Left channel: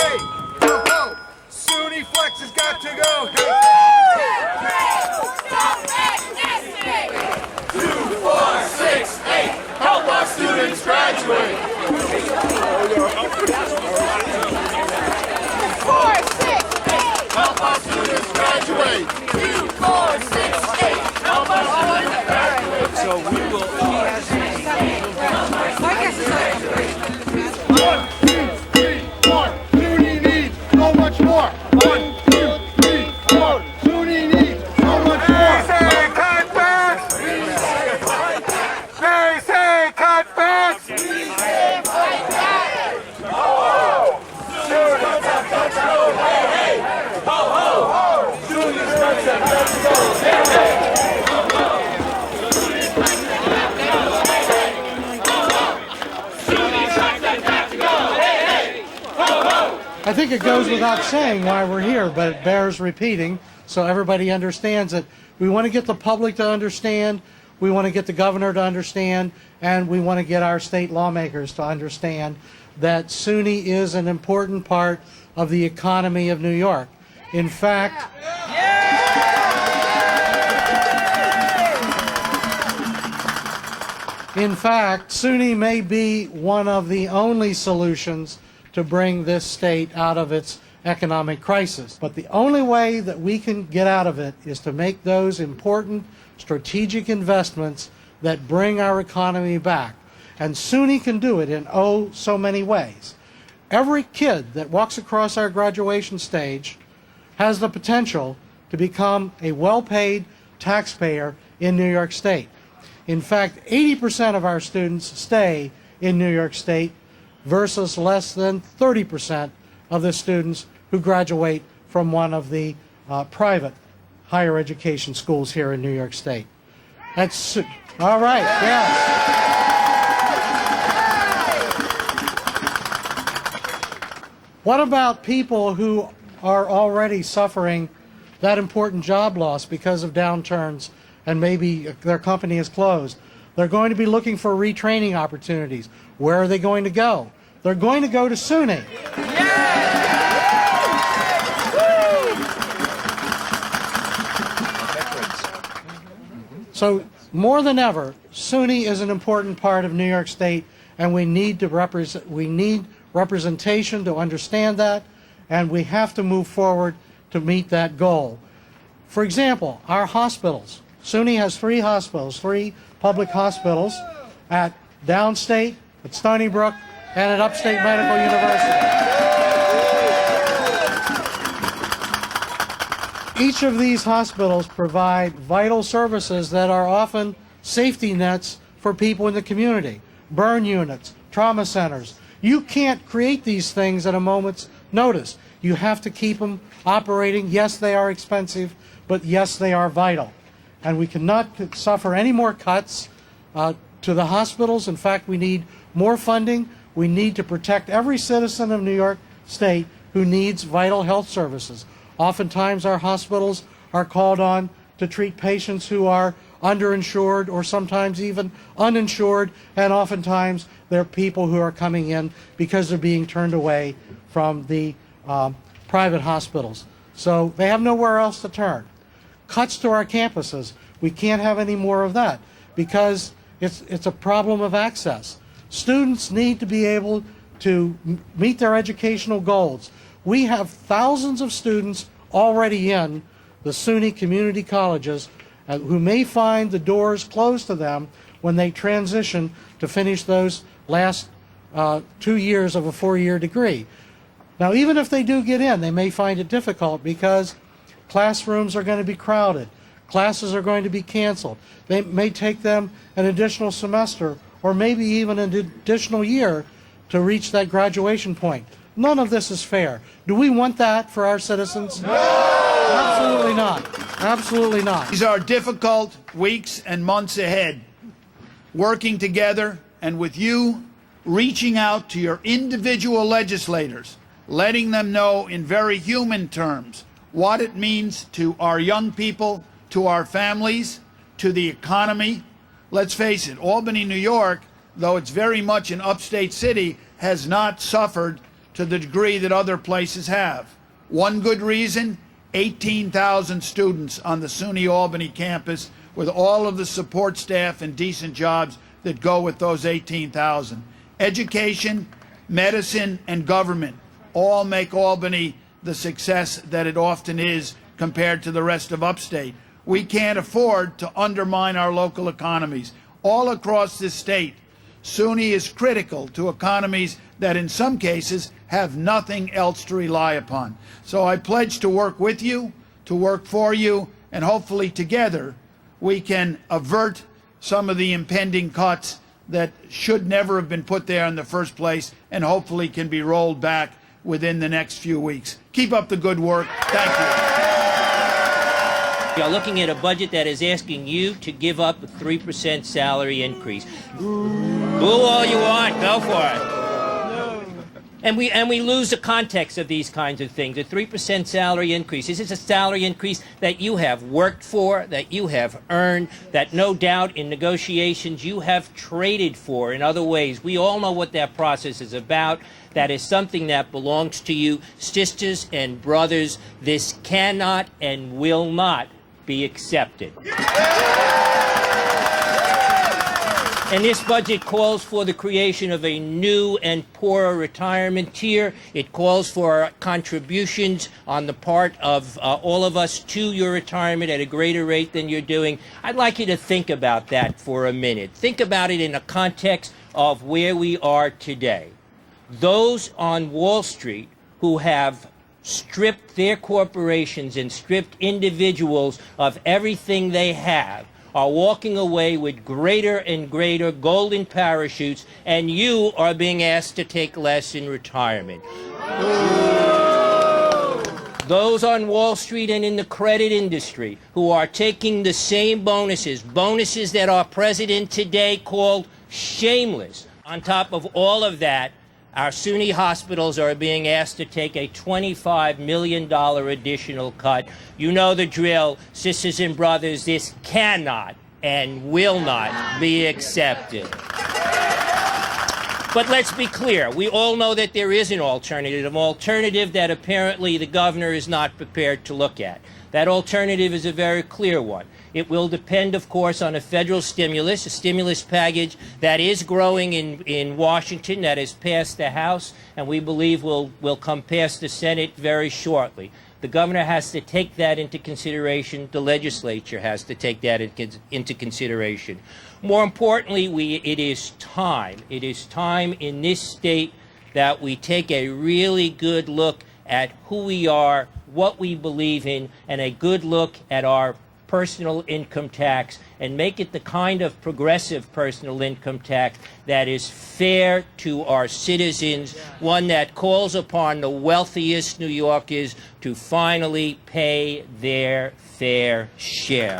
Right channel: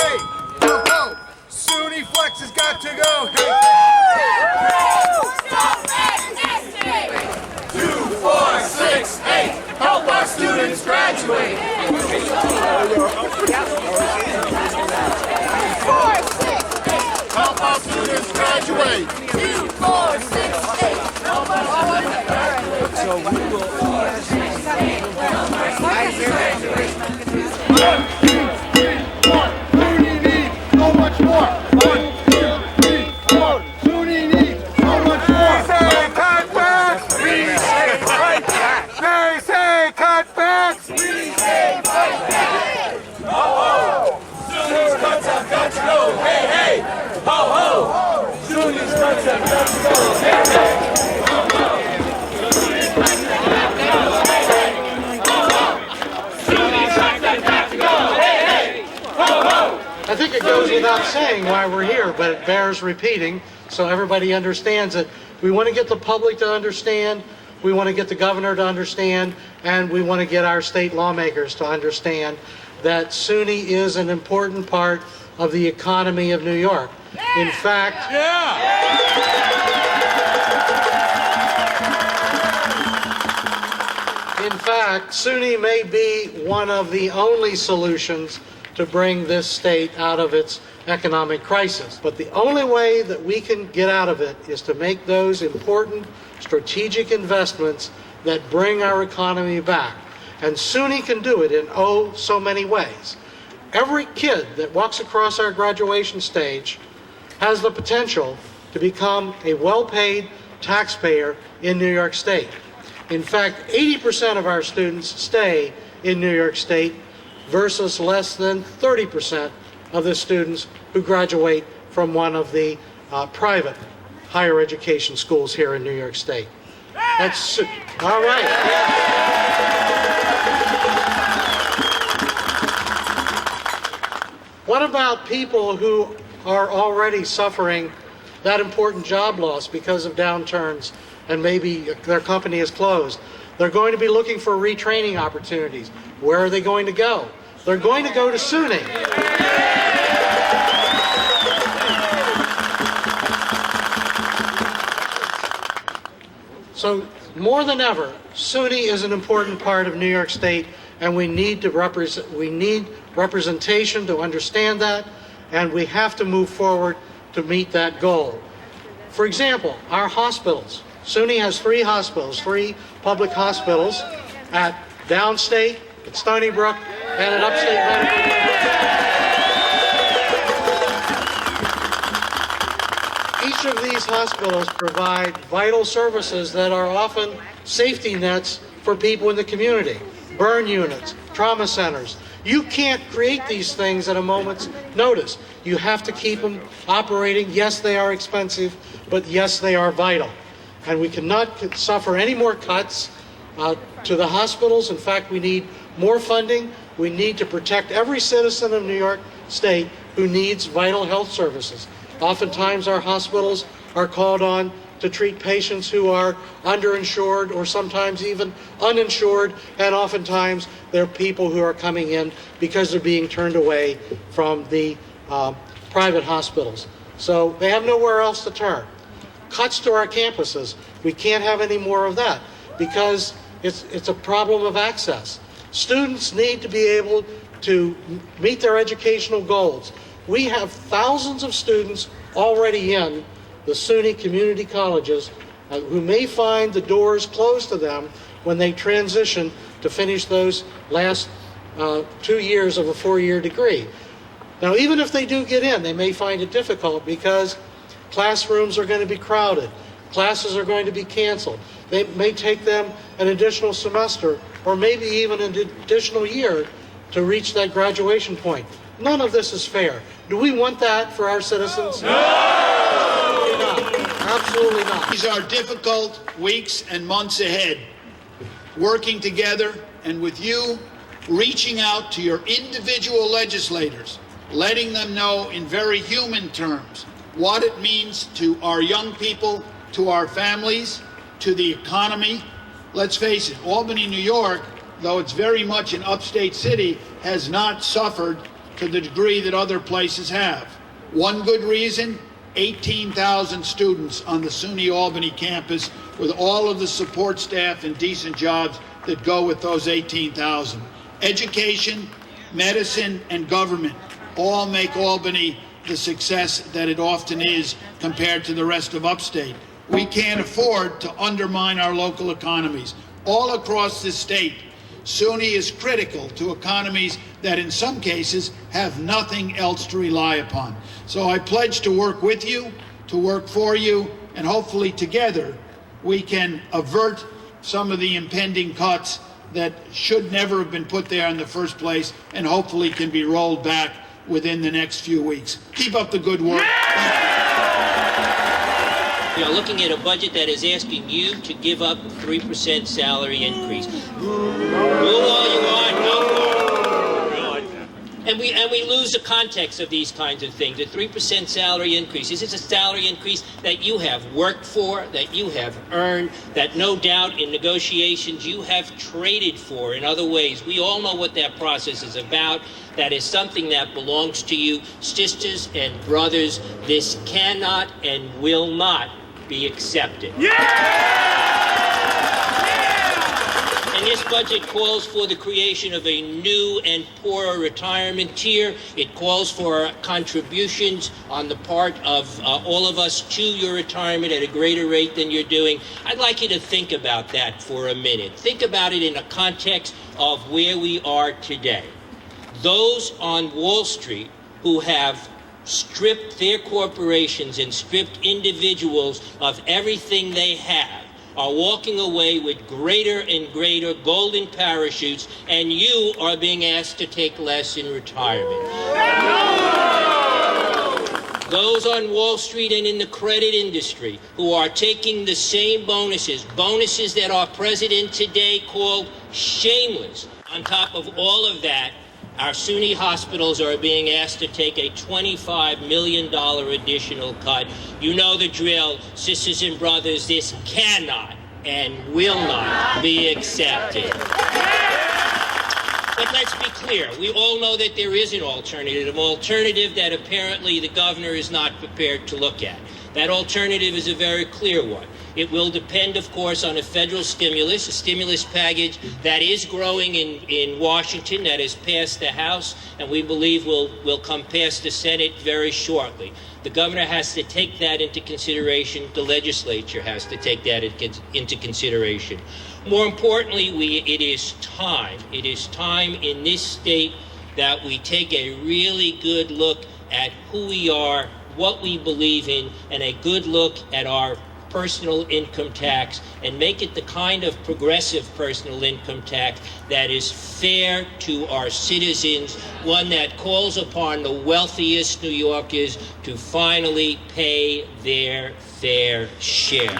Hey, ho, ho. SUNY Flex has got to go. Hey. 2, 4, 6, 8. Help our students graduate. 4, 6, 8. Help our students graduate. 2, 4, 6, 8. Help our students graduate. So we will. 1, 2, 3, 4. SUNY needs so much more. 1, 2, 3, 4. SUNY needs so much more. They say cutbacks. We say fight back. They say cutbacks. We say fight back. Ho ho. SUNY cuts have got to go. Hey hey. Ho ho. SUNY cuts have got to go. Hey hey. I think it goes without saying why we're here, but it bears repeating so everybody understands it. We want to get the public to understand, we want to get the governor to understand, and we want to get our state lawmakers to understand that SUNY is an important part of the economy of New York. In fact, SUNY may be one of the only solutions to bring this state out of its economic crisis. But the only way that we can get out of it is to make those important strategic investments that bring our economy back. And SUNY can do it in oh so many ways. Every kid that walks across our graduation stage has the potential to become a well-paid taxpayer in New York State. In fact, 80% of our students stay in New York State versus less than 30% of the students who graduate from one of the private higher education schools here in New York State. That's all right. Yeah. What about people who are already suffering that important job loss because of downturns and maybe their company is closed? They're going to be looking for retraining opportunities. Where are they going to go? They're going to go to SUNY. So more than ever, SUNY is an important part of New York State, and we need representation to understand that, and we have to move forward to meet that goal. For example, our hospitals. SUNY has 3 hospitals, 3 public hospitals at Downstate, at Stony Brook, and at Upstate Medical University. Each of these hospitals provide vital services that are often safety nets for people in the community. Burn units, trauma centers. You can't create these things at a moment's notice. You have to keep them operating. Yes, they are expensive, but yes, they are vital. And we cannot suffer any more cuts to the hospitals. In fact, we need more funding. We need to protect every citizen of New York State who needs vital health services. Oftentimes our hospitals are called on to treat patients who are underinsured or sometimes even uninsured, and oftentimes they're people who are coming in because they're being turned away from the private hospitals. So they have nowhere else to turn. Cuts to our campuses. We can't have any more of that because it's a problem of access. Students need to be able to meet their educational goals. We have thousands of students already in the SUNY community colleges who may find the doors closed to them when they transition to finish those last 2 years of a 4-year degree. Now, even if they do get in, they may find it difficult because classrooms are going to be crowded. Classes are going to be canceled. They may take them an additional semester or maybe even an additional year to reach that graduation point. None of this is fair. Do we want that for our citizens? No! Absolutely not. Absolutely not. These are difficult weeks and months ahead. Working together and with you, reaching out to your individual legislators, letting them know in very human terms what it means to our young people, to our families, to the economy. Let's face it, Albany, New York, though it's very much an upstate city, has not suffered to the degree that other places have. One good reason, 18,000 students on the SUNY Albany campus with all of the support staff and decent jobs that go with those 18,000. Education, medicine, and government all make Albany the success that it often is compared to the rest of upstate. We can't afford to undermine our local economies. All across this state, SUNY is critical to economies that in some cases have nothing else to rely upon. So I pledge to work with you, to work for you, and hopefully together we can avert some of the impending cuts that should never have been put there in the first place and hopefully can be rolled back within the next few weeks. Keep up the good work. Thank you. We are looking at a budget that is asking you to give up a 3% salary increase. Boo all you want, go for it. And we lose the context of these kinds of things. A 3% salary increase. This is a salary increase that you have worked for, that you have earned, that no doubt in negotiations you have traded for in other ways. We all know what that process is about. That is something that belongs to you. Sisters and brothers, this cannot and will not be accepted. And this budget calls for the creation of a new and poorer retirement tier. It calls for contributions on the part of all of us to your retirement at a greater rate than you're doing. I'd like you to think about that for a minute. Think about it in a context of where we are today. Those on Wall Street who have stripped their corporations and stripped individuals of everything they have are walking away with greater and greater golden parachutes, and you are being asked to take less in retirement. Those on Wall Street and in the credit industry who are taking the same bonuses that our president today called shameless. On top of all of that, our SUNY hospitals are being asked to take a $25 million additional cut. You know the drill, sisters and brothers, this cannot and will not be accepted. But let's be clear, we all know that there is an alternative that apparently the governor is not prepared to look at. That alternative is a very clear one. It will depend, of course, on a federal stimulus, a stimulus package that is growing in Washington, that has passed the House, and we believe will come past the Senate very shortly. The governor has to take that into consideration. The legislature has to take that into consideration. More importantly, it is time in this state that we take a really good look at who we are, what we believe in, and a good look at our personal income tax and make it the kind of progressive personal income tax that is fair to our citizens, one that calls upon the wealthiest New Yorkers to finally pay their fair share.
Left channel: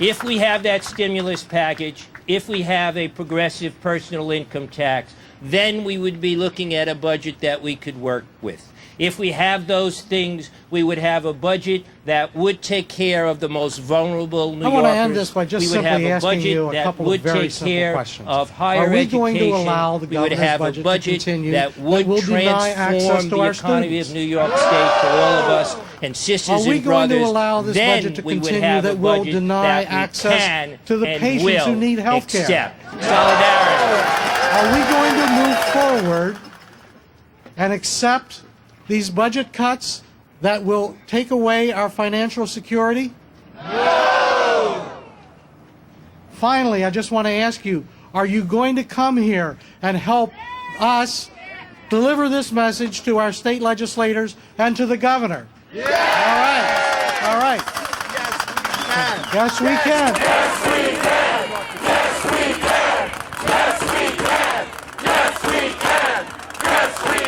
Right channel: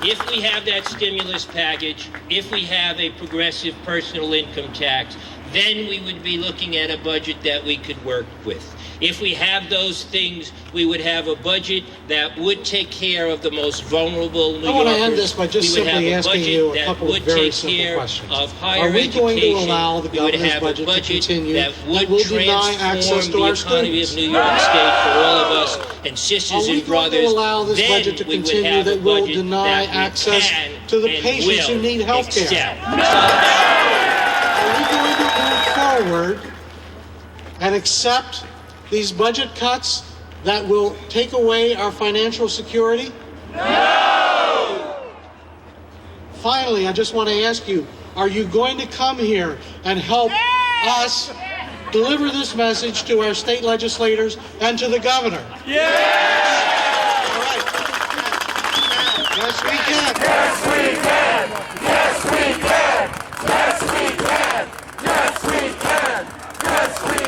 If we have that stimulus package, if we have a progressive personal income tax, then we would be looking at a budget that we could work with. If we have those things, we would have a budget that would take care of the most vulnerable New Yorkers. I want to end this by just simply asking you a couple of very simple questions. Are we going to allow the governor's budget to continue? That would will deny access to our economy students? of New York State for all of us and sisters and brothers. Are we going to allow this budget to continue that will deny access to the patients who need health care? Are we going to move forward and accept these budget cuts that will take away our financial security? No! Finally, I just want to ask you, are you going to come here and help us deliver this message to our state legislators and to the governor? Yeah! All right. Yes, we can. Yes, we can! Yes, we can! Yes, we can! Yes, we can! Yes, we